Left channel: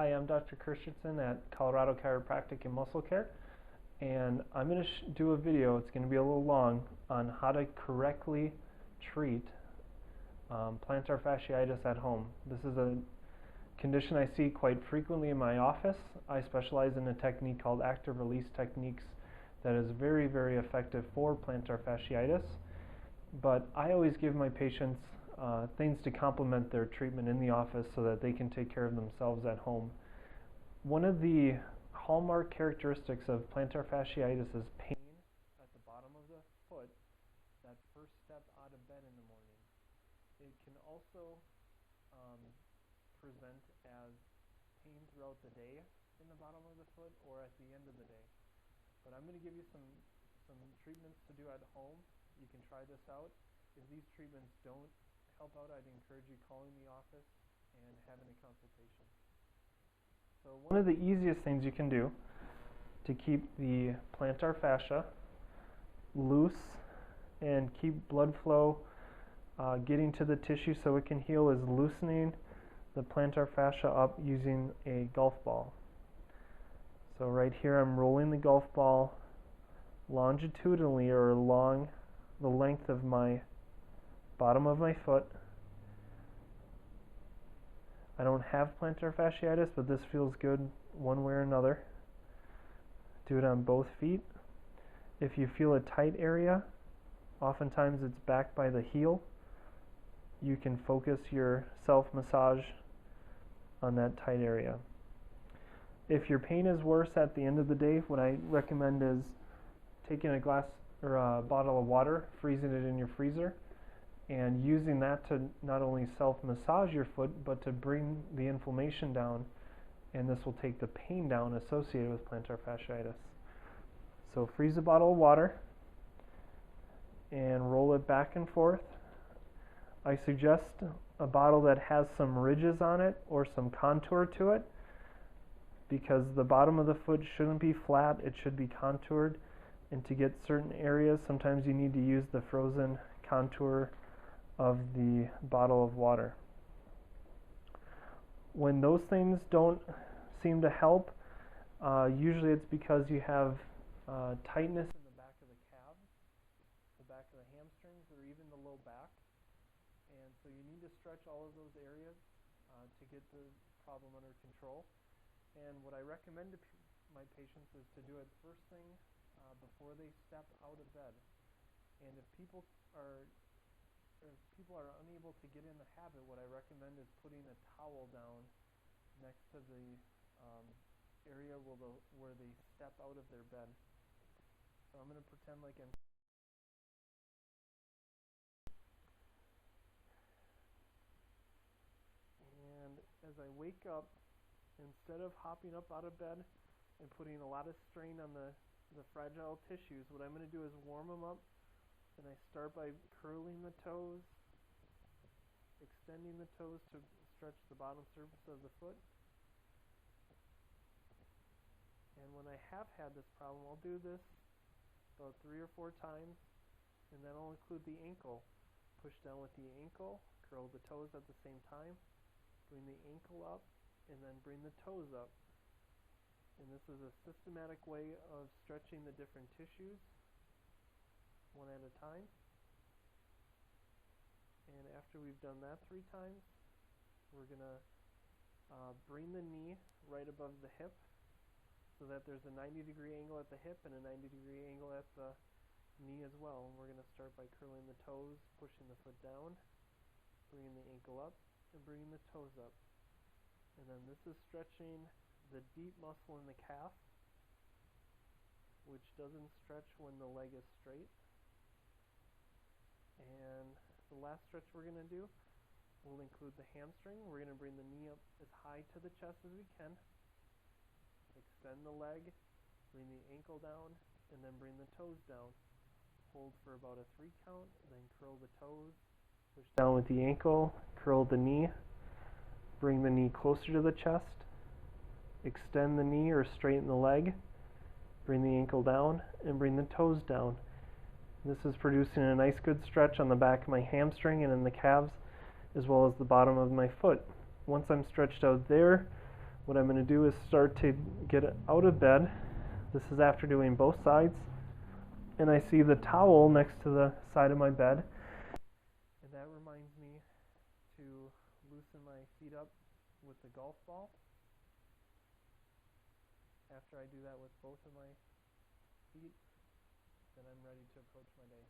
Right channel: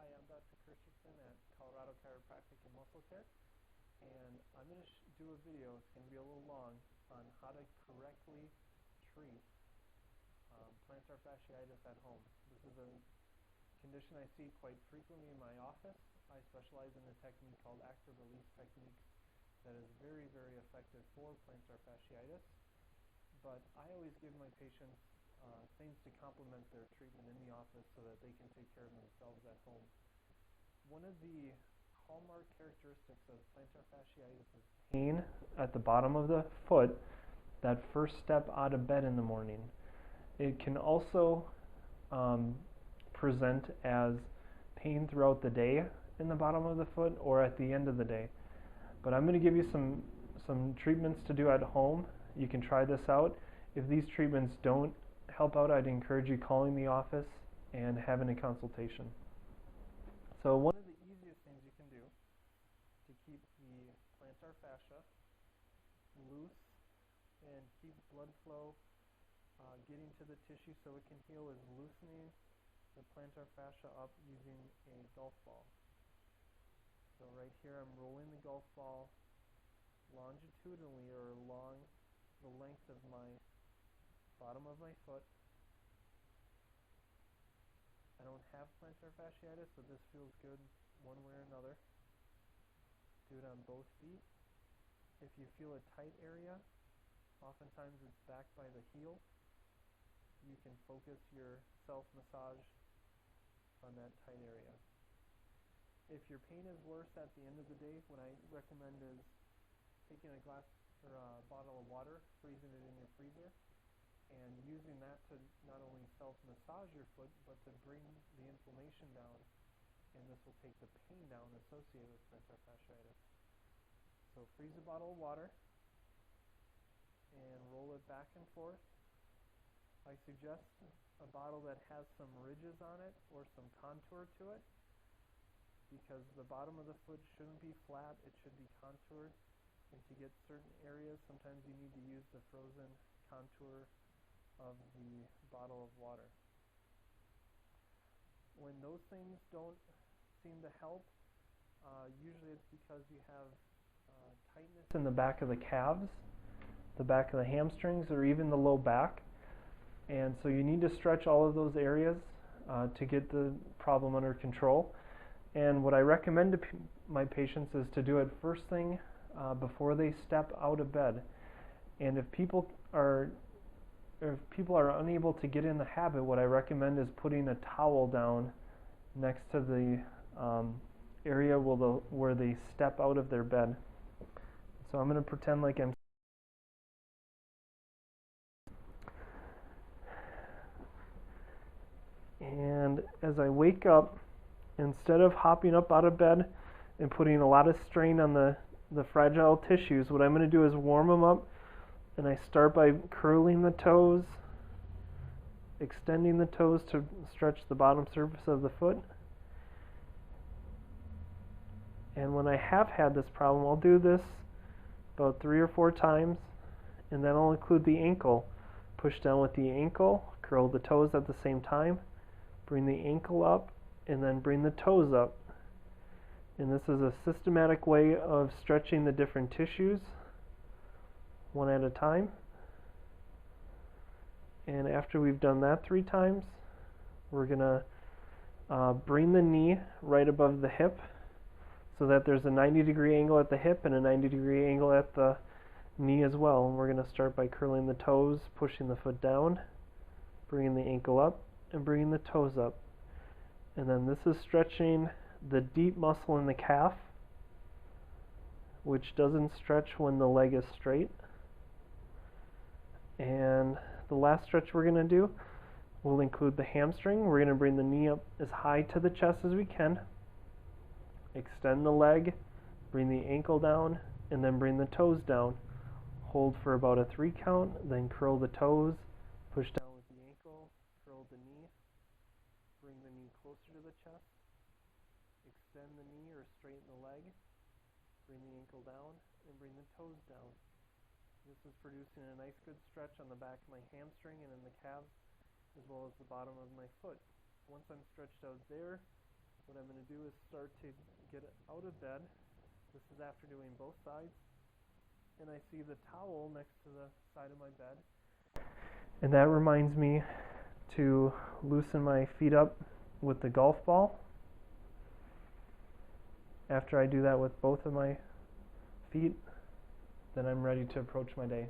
Hi, I'm Dr. Christianson at Colorado Chiropractic and Muscle Care, and I'm going to do a video, it's going to be a little long, on how to correctly treat plantar fasciitis at home. This is a condition I see quite frequently in my office. I specialize in a technique called active release techniques that is very, very effective for plantar fasciitis, but I always give my patients things to complement their treatment in the office so that they can take care of themselves at home. One of the hallmark characteristics of plantar fasciitis is pain at the bottom of the foot, that first step out of bed in the morning. It can also present as pain throughout the day in the bottom of the foot or at the end of the day. But I'm going to give you some treatments to do at home. You can try this out. If these treatments don't help out, I'd encourage you calling the office and having a consultation. So one of the easiest things you can do to keep the plantar fascia loose and keep blood flow getting to the tissue so it can heal is loosening the plantar fascia up using a golf ball. So right here I'm rolling the golf ball longitudinally or along the length of my bottom of my foot. I don't have plantar fasciitis, but this feels good one way or another. Do it on both feet. If you feel a tight area, oftentimes it's back by the heel. You can focus your self-massage on that tight area. If your pain is worse at the end of the day, what I recommend is taking a glass or a bottle of water, freezing it in your freezer, and using that to not only self-massage your foot, but to bring the inflammation down, and this will take the pain down associated with plantar fasciitis. So freeze a bottle of water and roll it back and forth. I suggest a bottle that has some ridges on it or some contour to it, because the bottom of the foot shouldn't be flat, it should be contoured, and to get certain areas, sometimes you need to use the frozen contour of the bottle of water. When those things don't seem to help, usually it's because you have tightness in the back of the calves, the back of the hamstrings, or even the low back. And so you need to stretch all of those areas to get the problem under control. And what I recommend to my patients is to do it first thing before they step out of bed. And if people are unable to get in the habit, what I recommend is putting a towel down next to the area where they step out of their bed. So I'm going to pretend like I'm and as I wake up, instead of hopping up out of bed and putting a lot of strain on the fragile tissues, what I'm going to do is warm them up. And I start by curling the toes, extending the toes to stretch the bottom surface of the foot. And when I have had this problem, I'll do this about 3 or 4 times, and then I'll include the ankle. Push down with the ankle, curl the toes at the same time, bring the ankle up, and then bring the toes up. And this is a systematic way of stretching the different tissues, one at a time. And after we've done that 3 times, we're going to bring the knee right above the hip so that there's a 90-degree angle at the hip and a 90-degree angle at the knee as well. And we're going to start by curling the toes, pushing the foot down, bringing the ankle up, and bringing the toes up. And then this is stretching the deep muscle in the calf, which doesn't stretch when the leg is straight. And the last stretch we're going to do will include the hamstring. We're going to bring the knee up as high to the chest as we can, extend the leg, bring the ankle down, and then bring the toes down. Hold for about a 3 count, then curl the toes, push down with the ankle, curl the knee, bring the knee closer to the chest, extend the knee or straighten the leg, bring the ankle down, and bring the toes down. This is producing a nice good stretch on the back of my hamstring and in the calves, as well as the bottom of my foot. Once I'm stretched out there, what I'm going to do is start to get out of bed. This is after doing both sides. And I see the towel next to the side of my bed. And that reminds me to loosen my feet up with the golf ball. After I do that with both of my feet, then I'm ready to approach my day.